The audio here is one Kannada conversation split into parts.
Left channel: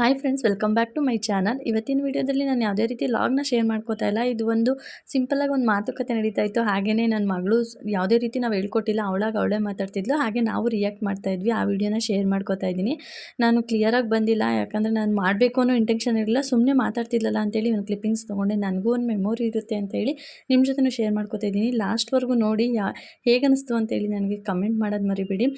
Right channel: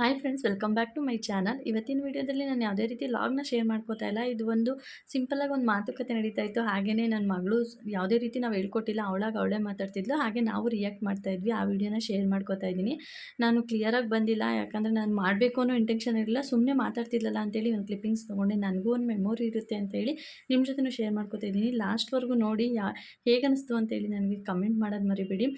Hi friends welcome back to my channel ಇವತ್ತಿನ ವಿಡಿಯೋದಲ್ಲಿ ನಾನು ಯಾವುದೇ ರೀತಿ ಲಾಗ್ನ ಶೇರ್ ಮಾಡ್ಕೋತಾ ಇಲ್ಲ. ಇದು ಒಂದು ಸಿಂಪಲಾಗಿ ಒಂದು ಮಾತುಕತೆ ನಡೀತಾ ಇತ್ತು. ಹಾಗೆಯೇ ನನ್ನ ಮಗಳು ಯಾವುದೇ ರೀತಿ ನಾವು ಹೇಳ್ಕೊಟ್ಟಿಲ್ಲ, ಅವಳಾಗ ಅವಳೇ ಮಾತಾಡ್ತಿದ್ಲು. ಹಾಗೆ ನಾವು ರಿಯಾಕ್ಟ್ ಮಾಡ್ತಾ ಇದ್ವಿ. ಆ ವಿಡಿಯೋನ ಶೇರ್ ಮಾಡ್ಕೋತಾ ಇದ್ದೀನಿ. ನಾನು ಕ್ಲಿಯರಾಗಿ ಬಂದಿಲ್ಲ, ಯಾಕಂದರೆ ನಾನು ಮಾಡಬೇಕು ಅನ್ನೋ ಇಂಟೆನ್ಷನ್ ಇರಲಿಲ್ಲ. ಸುಮ್ಮನೆ ಮಾತಾಡ್ತಿದ್ಲಲ್ಲ ಅಂತೇಳಿ ಒಂದು ಕ್ಲಿಪ್ಪಿಂಗ್ಸ್ ತೊಗೊಂಡೆ. ನನಗೂ ಒಂದು ಮೆಮೊರಿ ಇರುತ್ತೆ ಅಂತೇಳಿ ನಿಮ್ಮ ಜೊತೆನೂ ಶೇರ್ ಮಾಡ್ಕೋತಾ ಇದ್ದೀನಿ. ಲಾಸ್ಟ್ವರೆಗೂ ನೋಡಿ ಯಾ ಹೇಗೆ ಅನಿಸ್ತು ಅಂತೇಳಿ ನನಗೆ ಕಮೆಂಟ್ ಮಾಡೋದು ಮರಿಬೇಡಿ.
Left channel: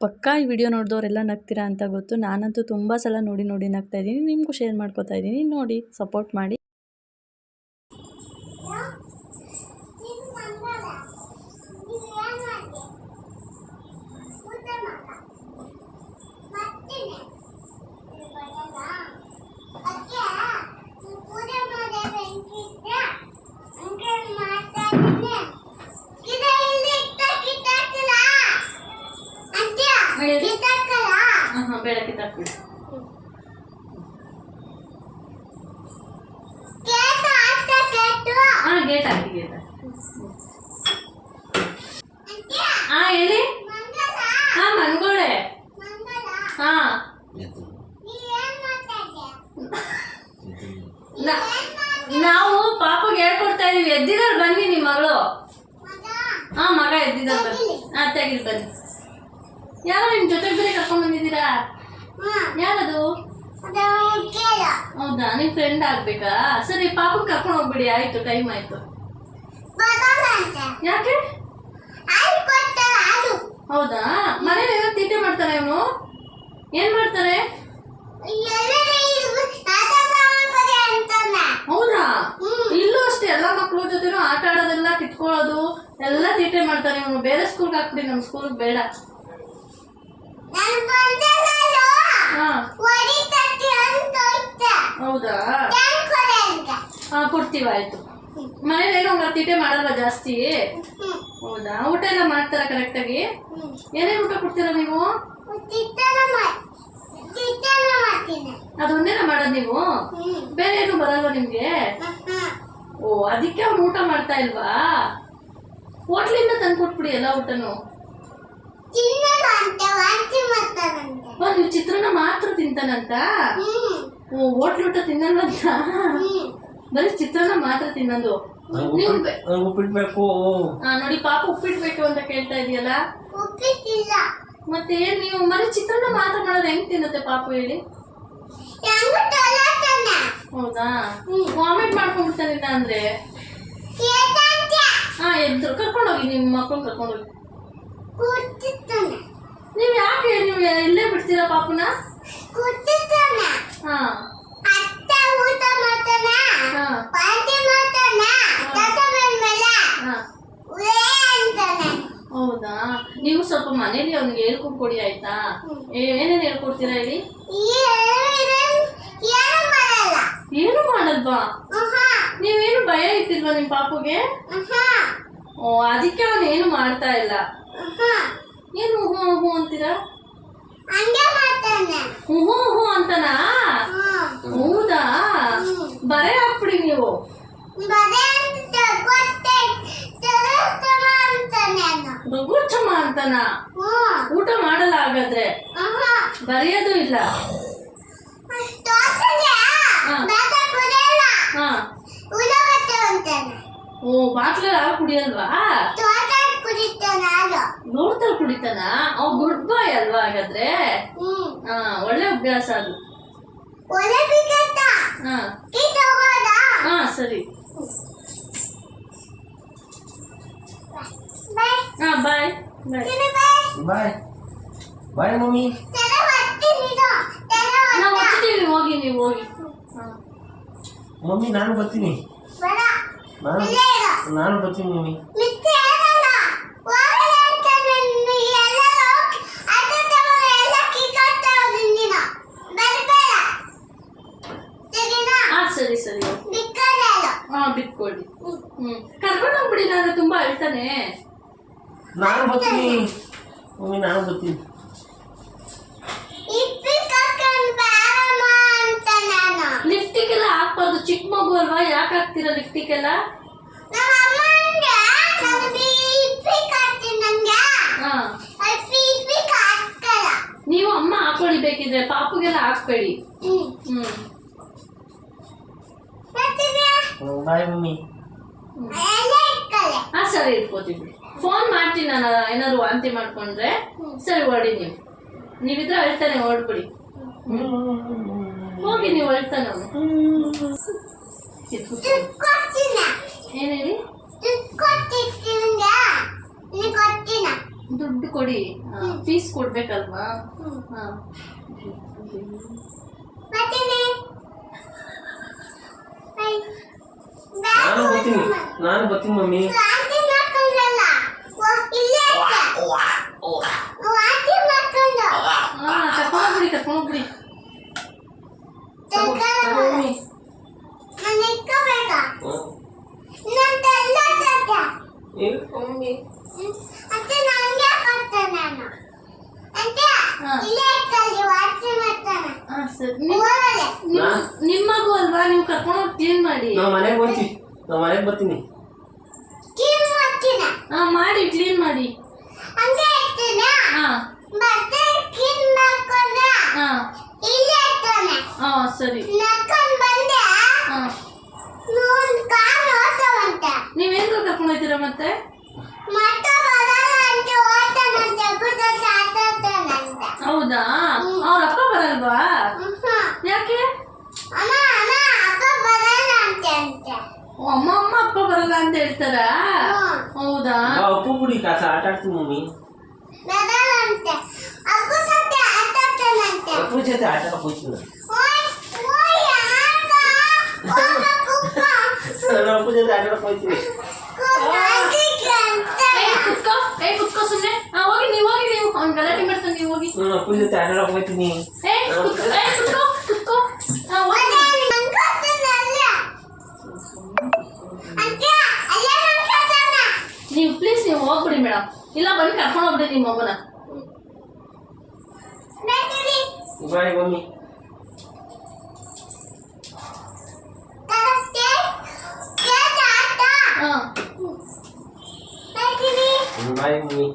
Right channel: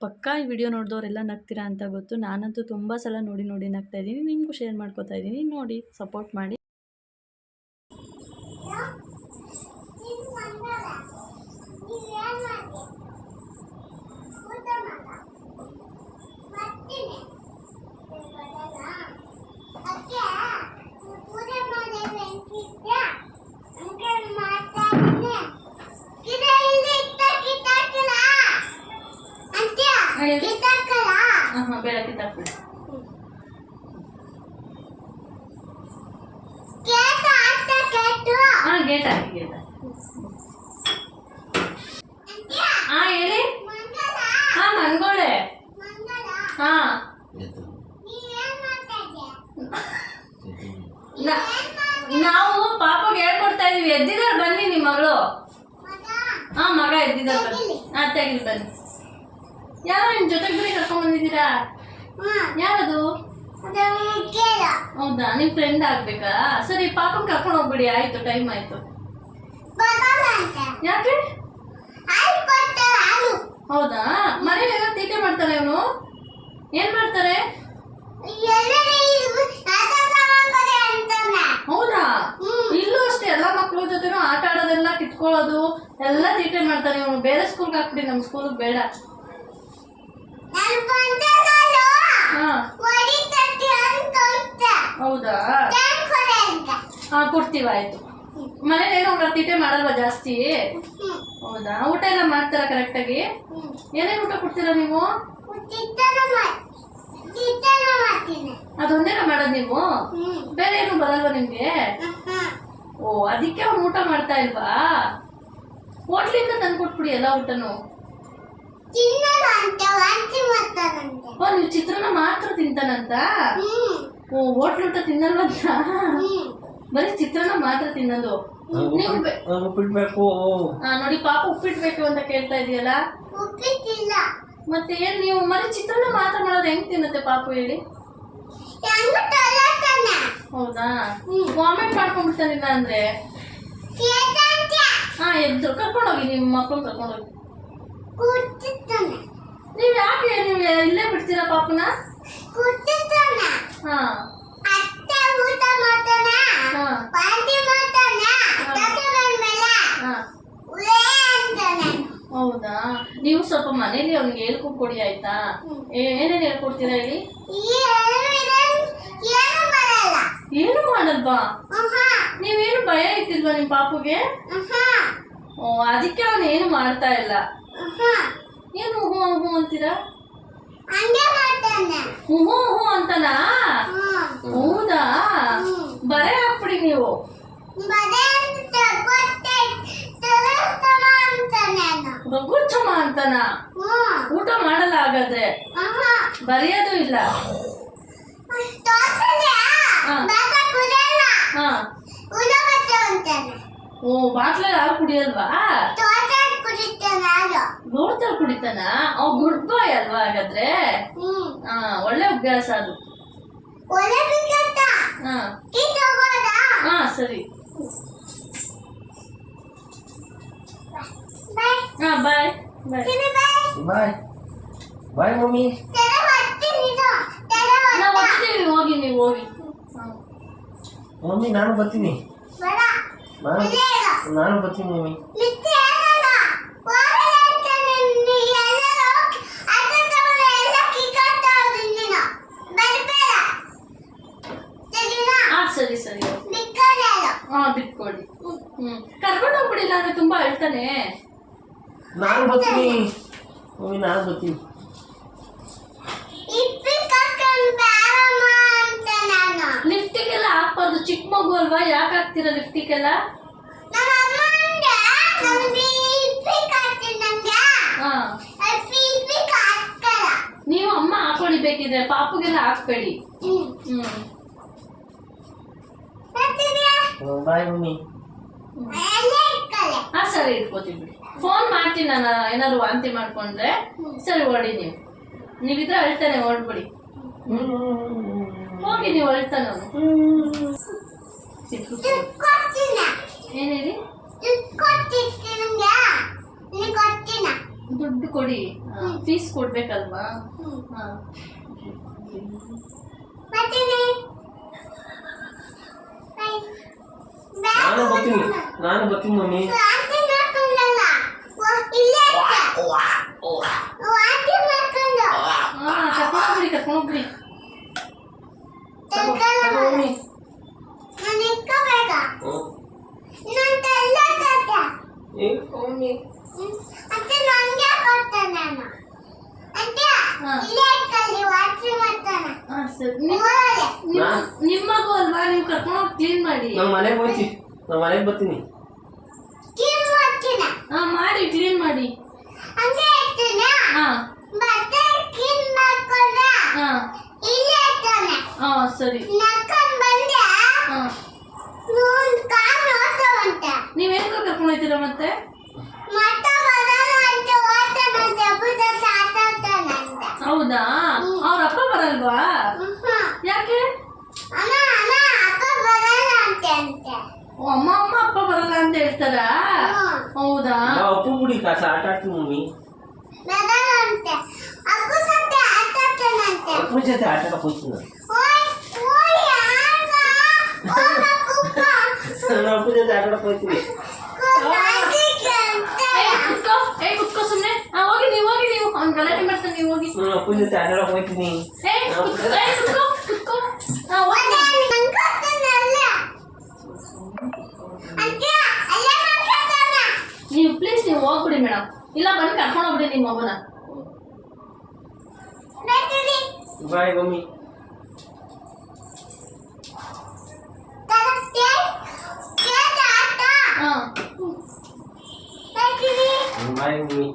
ಪಕ್ಕಾ ಈ ವಿಡಿಯೋ ನೋಡಿದವರೆಲ್ಲ ನಗ್ತೀರಾ ಅಂತ ಗೊತ್ತು. ನಾನಂತೂ ತುಂಬ ಸಲ ನೋಡಿ ನೋಡಿ ನಗ್ತಾ ಇದ್ದೀನಿ. ನಿಮಗೂ ಶೇರ್ ಮಾಡ್ಕೊತಾ ಇದ್ದೀನಿ. ನೋಡಿ ಸಪೋರ್ಟ್ ಮಾಡಿ. ಬೇಡ ಕಿತ್ತಾಕ್ಬಿಡಿ ಹಾಂ ಗೇಟ್ ಹಾಕಿ ಗೇಟ್ ಹಾಂ ಹೇಳಿ ಹಾಂ ಮನ್ಗೋಳೆ ಹಾಂ ನಾವು ಪಾಪಗೆ ಹೇಳ್ಕೊಡ್ತಾ ಇದೀವಿ. ಎದ್ದಿದ್ದಾರೆ ಬನ್ನಿ ನಿಮ್ಮ ಮಗಳು. ಹಾ ಮಗ ಎದ್ದಿದ್ದಾರೆ ಬನ್ನಿ. ಹಾ ತೆಗಿರಿ ಬನ್ನಿ. ಯಾರು ನಿಮ್ಮ ಜೊತೆಗೆ ಬರೀ ಕರ್ಕೊಂಡ್ ಬಂದಿದ್ದೀರಾ? ಯಾರದು? ಹೌದಾ? ನಿಮ್ ಫ್ರೆಂಡ್ ಆಗ್ಬೇಕಾ? ಸರಿ ಪಾಪನ್ ಕರ್ಕೊಂಡು ಹೋಗ್ಬಿಡಿ. ಆಯ್ತು ಟೈಮ್ ಆಯ್ತು. ಯಾಕೆ? ಹೌದಾ? ಮನೇಲಿ ಏನೋ ತೀಟೆ ಮಾಡ್ತಾರೆ ಇವನು? ಏನ್ ಮಾಡ್ತಾರೆ? ಹೌದಾ? ಇಲ್ಲೂ ಅಷ್ಟೇ. ಎಲ್ಲ ಮಕ್ಕಳ ಜೊತೆನೂ ಆಟ ಆಡೋದೆಲ್ಲ ಕಿತ್ಕೊಳ್ಳೋದು ಎಲ್ಲ ತೀಟೆ ಮಾಡ್ತಾನೆ ಇವನು. ಬೇರೆ ಸ್ಕೂಲ್ಗೆ ಹಾಕ್ಬಿಡಿ ನಮ್ಮ ಸ್ಕೂಲ್ಗೆ ಬೇಡ. ಹೌದಾ? ಹಾ ಕೊಡ್ತೀವಿ ಆಯ್ತು. ಮನೇಲಿ ಏನೋ ಹಂಗ ತೀಟೆ ಮಾಡಲ್ವಾ ಜಾಸ್ತಿ? ಹೌದಾ? ಊಟ ಎಲ್ಲ ಮಾಡ್ತಾರ ಕರೆಕ್ಟಾಗಿ? ಏನೇನು ಊಟ ಕೊಡ್ತೀರಾ ನೀವು? ಅದೊಂದೇನ ಮಾಡೋದು ನೀವು? ಬೇರೆ ಏನು ಬರಲ್ವಾ ನಿಮ್ಗೆ? ಓ ಅದಕ್ಕೆ ಅವ್ನು ಊಟ ಮಾಡ್ತಾ ಇಲ್ವಾ? ಹೋಟ್ಲಿಂದ ತಂದ್ಕೊಟ್ಬಿಡಿ ಎಲ್ಲ ಊಟನು. ಓ ನೀವು ಚಿತ್ರಾನ್ನ ಮಾತ್ರ ತಿಂತಾನಂತ? ಓ ಹೋಟ್ಲ್ ಊಟ ತಿನ್ನಲ್ವಂತ? ಬರೀ ಚಿತ್ರಾನ್ನ ಮಾತ್ರ ತಿನ್ನೋದು. ನೀವು ಬೆ- ನಂಗೆ ಉಪ್ಪಿಟ್ಬೇಕು ಆ, ನೋಡಿ ಪಾಪ ಉಪ್ಪಿಟ್ಬೇಕು ಅಂತ ಕೇಳ್ತಾ ಇದೆಯಲ್ಲ? ಮತ್ತೆ ಏನ್ ನೀವು ಮರಿ ಚಿತ್ರಾನ್ನ ಮಾತ್ರ ಮಾಡೋದು ಹೆಂಗ್ ತಿನ್ನುತ್ತೆ ಪಾಪ ಹೇಳಿ? ಹೌದಾ? ವಾಮಿಟ್ ಮಾಡ್ಕೊಂಡ್ಬಿಡ್ತಾನಿಲ್ಲ ಅಂದ್ರೆ ಹಾ ಎದ್ದು ಕರ್ಕೊಂಡೋಗಿ ನಿಮ್ಮ ಮಕ್ಕಳು ಕರ್ಕೊಂಡೋಗಿ. ನೀವ್ ಯಾಕೆ ನೀವು ಇಲ್ಲೇ ಬಿಡ್ತೀರಾ ಪಾಪುನ? ಹಾ. ಹಾ. ಹಾ. ಹೌದಾ? ನೀವು ಸ್ವಲ್ಪ ಮನೇಲಿ ಅವ್ನಿಗೆ ಹೇಳ್ಕೊಂಡ್ ಕೊಡಿ ಆಯ್ತಾ ಏನೇನ್ ಹೇಳ್ಕೊಡ್ತೀರಾ ಹೇಳಿ? ಏನು ಮಾಡಲ್ವಾ? ನೀವೇನು ಭಯ ಇಟ್ಟಿಲ್ವಾ ನಿಮ್ ಪಾಪುಗೆ? ಓ ಅದಕ್ಕೆ ಅವನು ಏನು ಮಾಡ್ತಾ ಇಲ್ಲ. ಏನು ಹ್ಞೂ ಹ್ಞೂ ಅಂತೀರಾ? ಹ್ಞೂ ಹ್ಞೂ ಹ್ಞೂ ಅಂತನಾ? ಹೌದಾ? ಬರೆ ಹಾಕ್ಬಿಡಿ ನೀವು. ರಘುಚಮ್ಮ ಅಂತಾನ ಊಟ ಮಾಡಲ್ಲ ಹಾಗಾದ್ರೆ? ಬರೆಯೋದು ಇಲ್ಲ. ಹಾ. ಓ ಬಾಟ್ಲಲ್ಲಿ ಹಾಲು ಕುಡಿಯಲ್ವಾ? ನೋಡ್ತಾರೆ ಕುಡಿತಾನ? ಅವ್ ಗುಡ್ ಬಾಯ್ ಅಲ್ವಾ ಹಾಗಾದ್ರೆ? ಹಾ ಒಳ್ಳೆ ಅಭ್ಯಾಸ ಅದು. ಹಾ. ಹಾ ಸರಿ. ಹಾ ಬಾಯ್. ಬಾಯ್. ಬಾಯ್. ಬಾಯ್. ಮಮ್ಮಿ. ನಾವು ಹೋಗ್ತೀವಿ ಹೋಗಿ ನೀವು ಹೋಗಿ. ಹಾ. ಮಮ್ಮಿ ನಾನು ಬರ್ತೀನಿ. ನಾನು ನಾನು ಬರ್ತೀನಿ ಮಮ್ಮಿ ಹಾ ಸರಿ ಸರಿ ಓಕೆ ಹಾ ಬಿಟ್ಕೊಳ್ಳಿ ಹ್ಮ್ ಕರ್ಕೊಂಡು ಹೋಗ್ಬಿಡಿಲ್ಲ ಅಂದ್ರೆ ತುಂಬಾ ಅಳ್ತಾನೆ ನಾನು ಬರ್ತೀನಿ. ಮಮ್ಮಿ ನಾನು ಬರ್ತೀನಿ. ಲಿಫ್ಟಿಗೆಲ್ಲ ಹಾಕ್ಬಾರ್ದು. ಚಿಕ್ಕ ಮಗು ಅಲ್ವಾ? ಯಾಕೆ ಹಾಕ್ತೀರಾ ಲಿಫ್ಟಿಗೆಲ್ಲ ಹಾ. ನೀವು ಅಮ್ಮ ಹಾಕೊಳ್ಳಿ ಬೇಕಿದ್ರೆ. ಪಾಪುಗೆಲ್ಲ ಹಾಕ್ಬೇಡಿ. ಹ್ಮ್. Bye mummy. ಸರಿ ಇಟ್ಕೋತೀವಿ. ಬಿಡಿ ಫೋನ್ ಮಾಡ್ತೀನಿ ನಾನು ಏನಾದ್ರು ವಾಂತಿ ಮಾಡ್ಕೊಂಡ್ರೆ ಸರಿ ಹೊಡಿ ನೀವು. ನೀವಿದ್ರೆ ಅಳ್ತಾನೆ ಹೊಡ್ಬಿಡಿ ಹೋಗಿ ನೀವು ಅಳ್ತಾನೆ ಏನೇಳಿ ಏನ್ ಹೇಳಿ? ದುಡ್ಡು ಕೊಡಿ. ಫೀಸ್ ಕೊಡ್ಬೇಕಲ್ವಾ? ಹಾ. ನಾನು ಬರ್ತೀನಿ. ನಾನು ಬರ್ತೀನಿ ಮಮ್ಮಿ. ಹಾ ಕರ್ಕೊಂಡೋಗ್ಬಿಡಿ ಕರ್ಕೊಂಡೋಗ್ಬಿಡಿ ಮಮ್ಮಿ ಮಮ್ಮಿ ಮತ್ತೆ ನಂಗೆ ಕೊಡ್ತಾನೆ ನಾನು. ಅಂತ ಹಾ. ಇಲ್ಲೇ ಇಟ್ಕೊಳ್ಳಿ ವಾಸಿ ಮಾಡ್ತಾನೆ ಹಾ ಸರಿ. ನಿಮ್- ಓಡೋದೆ ನಿಮ್- ನಿಮ್ ಮಗು ಅಲ್ವಾ? ನೀವು ಕರ್ಕೊಂಡೋಗಿ ಕ್ಲೀನ್ ಮಾಡಿ. ನಾವು ಮನೆಗೆ ಹೋಗ್ತೀವಿ ನಾವು ಮನೆಗೆ ಬರ್ತೀನಿ. ಹಾ ಮಾಡಿ ಕ್ಲೀನ್ ಮಾಡಿ. ಅಂತ ಇರ್ತೀನ? ಹಾ. ಮತ್ತೆ ಕ್ಲೀನ್ ಮಾಡ್ಕೊಂಡ ಹಾ. ಇಲ್ಲೇ ಇರ್ತಾನೆ? ಹಾ ಸರಿ. ನಕ್ಕೊಂಡ್ ಬಂದೆ. ಹಾ. ನೋಡ್ ಕಾರ್ ನೋಡ್ತಾವಂತ ನೀವೇನ್ಕೋ ಕರ್ಕೊಂಡು ಹೋಗ್ತೀರಾ ಮತ್ತೆ? ಮತ್ತೆ ಬರಲ್ಲ ಅಂತ ಓದ್ತಾನಂತೆ ಬುದ್ಧ ಸಾತಾಡ್ತಾನಂತ ಹೌದಾ? ಅವ್ರ ಅಪ್ಪ ಬರಲ್ವಾ? ಯಾಕೆ? ಅಮ್ಮ ಅಮ್ಮ ಅಪ್ಪ ಬರಲ್ಲ ಅಂತ ಅಂತೆ. ಅಮ್ಮ ಅಮ್ಮ ಅಪ್ಪ ಬರಲ್ಲ ಅಂತ ಹೇಳ್ತಾರಾ? ಹೌದಾ? ಅಪ್ಪು ಗುಡಿ ಬಿಡಿ ಕಾಸ ಆಟ ಆಡ್ತೀನಿ ಮಮ್ಮಿ. ಅಪ್ಪು ಜೊತೆ ಆಟ ಆಡಕ್ಕೆ ಹೋಗ್ತೀನಿ ನಾನು. ಅಪ್ಪು ಜೊತೆ ಆಟ ಆಡಕ್ಕೆ ಹೋಗ್ತೀನಿ ಹೋಗಿ ನೀವು ಹೋಗಿ ನೀವು. ಅವ್ನ್ ಗಲಾಟೆ ಮಾಡ್ತಾನೆ ನೀವು ಹೋಗಿ. ಅಪ್ಪು ಜೊತೆ ಆಟ ಹೋಗ್ತೀನಿ. ಮಮ್ಮಿ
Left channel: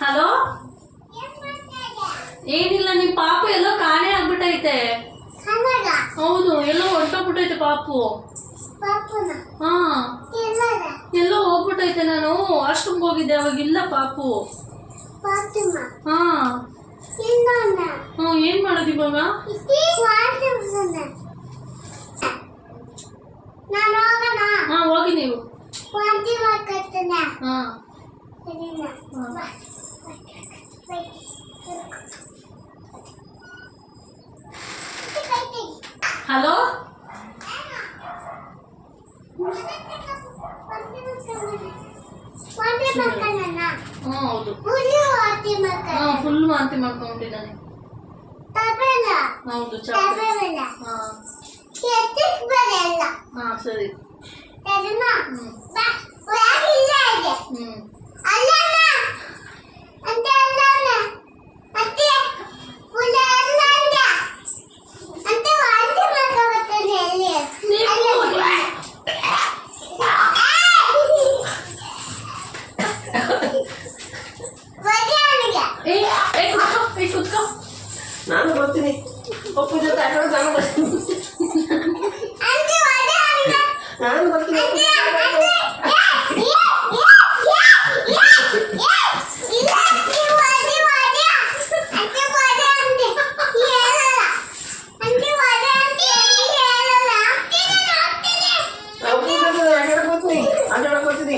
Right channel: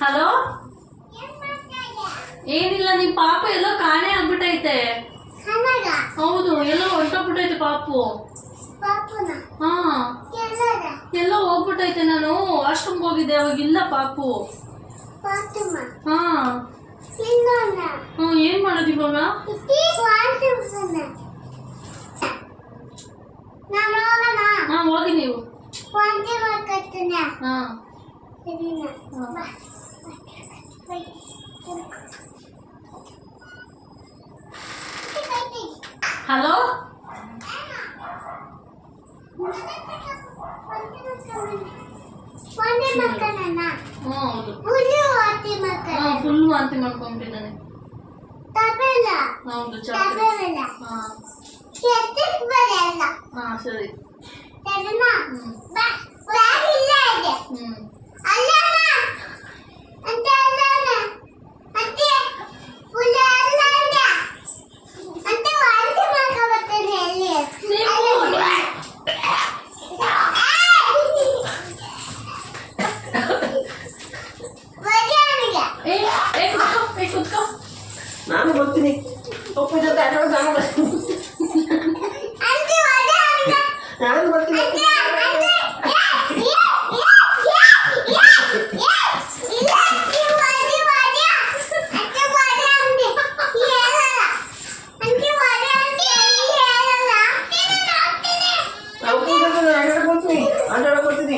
ಹಲೋ ಏನಿಲ್ಲ ನಿಮ್ ಪಾಪು ಎಲ್ಲೋ ಕಾಣೆ ಆಗ್ಬಿಟ್ಟೈತೆ. ಹೌದು ಎಲ್ಲೋ ಹೊಂಟೋಗ್ಬಿಟ್ಟೈತೆ ಪಾಪು. ಹಾ. ಎಲ್ಲೋ ಹೋಗ್ಬಿಟ್ಟೈತೆ ನಾನು. ವಾಶ್ರೂಮ್ಗೆ ಹೋಗಿದ್ದೆ ಅವಾಗ ಇಲ್ಲ ಪಾಪು. ಹಾ. ಏನ್ ಮಾಡೋದು ಇವಾಗ ನಾನು ಹೋಗೋಣ ಹಾ ಹೋಗಿ ನೀವು ವಾಂತಿ ಮಾಡ್ಕೊತೀನಿ ಹಾ ಸರಿನಾ ಹಾ. ಬಾ ಹ್ಞೂ ಹೌದು. ಫುಲ್ ವಾಂತಿ ಮಾಡ್ಕೊಂಡ್ಬಿಟ್ಟಿದ್ದಾನೆ. ಹೌದು ಚಾಕ್ಲೇಟ್ ಹಾ. ಸರಿ. ಹ್ಮ್ ಬಾ ಬ್ಯಾಗ್ ಇಲ್ಲ ಇದೆ ಹ್ಮ್ ಅಲ್ಲಮ್ಮ ಅಂತ ಅಂದಾನೆ ಅತ್ತೆ ಹುಲಿ ಅಲ್ಲ ಅಂದ ಅಂತ ವಾಂತಿ ಮಾಡ್ಕೊಬರ್ತಾನೆ ಎಲ್ಲಿ ನೀವು ಏ ಏ ಕುತ್ಕೋ ಏ ಕುತ್ಕೋ ನಾನು ಬರ್ತೀನಿ ಅಪ್ಪು ಜೊತೆ ಆಟ ಆಡೋದು ನಾನು ಬರ್ತೀನಿ ನಾನು ಬರ್ತೀನಿ ಅಪ್ಪು ಜೊತೆ ಆಟ ಆಡೋದು. ಅಪ್ಪು ಜೊತೆ ನಾನು ಆಟ ಆಡಕ್ಕೆ ಹೋಗ್ತೀನಿ ಆಟ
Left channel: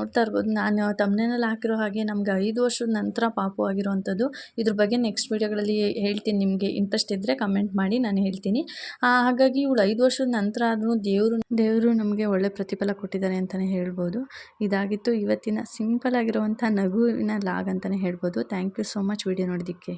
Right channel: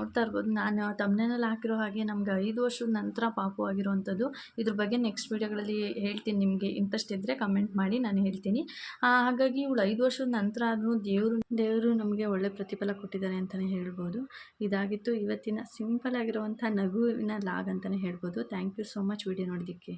ನೋಡ್ತಾ ಇರ್ಬೋದು. ನಾನು ತಮ್ಮನೇನಲ್ಲಿ ಹಾಕಿರೋ ಹಾಗೆ ನಮ್ಗೆ ಐದು ವರ್ಷದ ನಂತರ ಪಾಪು ಆಗಿರೋವಂಥದ್ದು. ಇದ್ರ ಬಗ್ಗೆ ನೆಕ್ಸ್ಟ್ ವೀಡಿಯೋಗಳಲ್ಲಿ ಹೇಳ್ತೀನಿ. ನಿಮಗೆ ಇಂಟ್ರೆಸ್ಟ್ ಇದ್ದರೆ ಕಮೆಂಟ್ ಮಾಡಿ, ನಾನು ಹೇಳ್ತೀನಿ. ಹಾಗಾಗಿ ಇವಳು ಐದು ವರ್ಷದ ನಂತರ ಆದರೂ ದೇವರು ದೇವರು ನಮಗೆ ಒಳ್ಳೆ ಪ್ರತಿಫಲ ಕೊಟ್ಟಿದ್ದಾರೆ ಅಂತಲೇ ಹೇಳ್ಬೋದು. ಇದಾಗಿತ್ತು. ಇವತ್ತಿನ ಸಿಂಪಲ್ ಆಗಿರುವಂಥ ನಗುವಿನ ಲಾಗ್ ಅಂತಲೇ ಹೇಳ್ಬೋದು. Thank you so much video ನೋಡೋದಕ್ಕೆ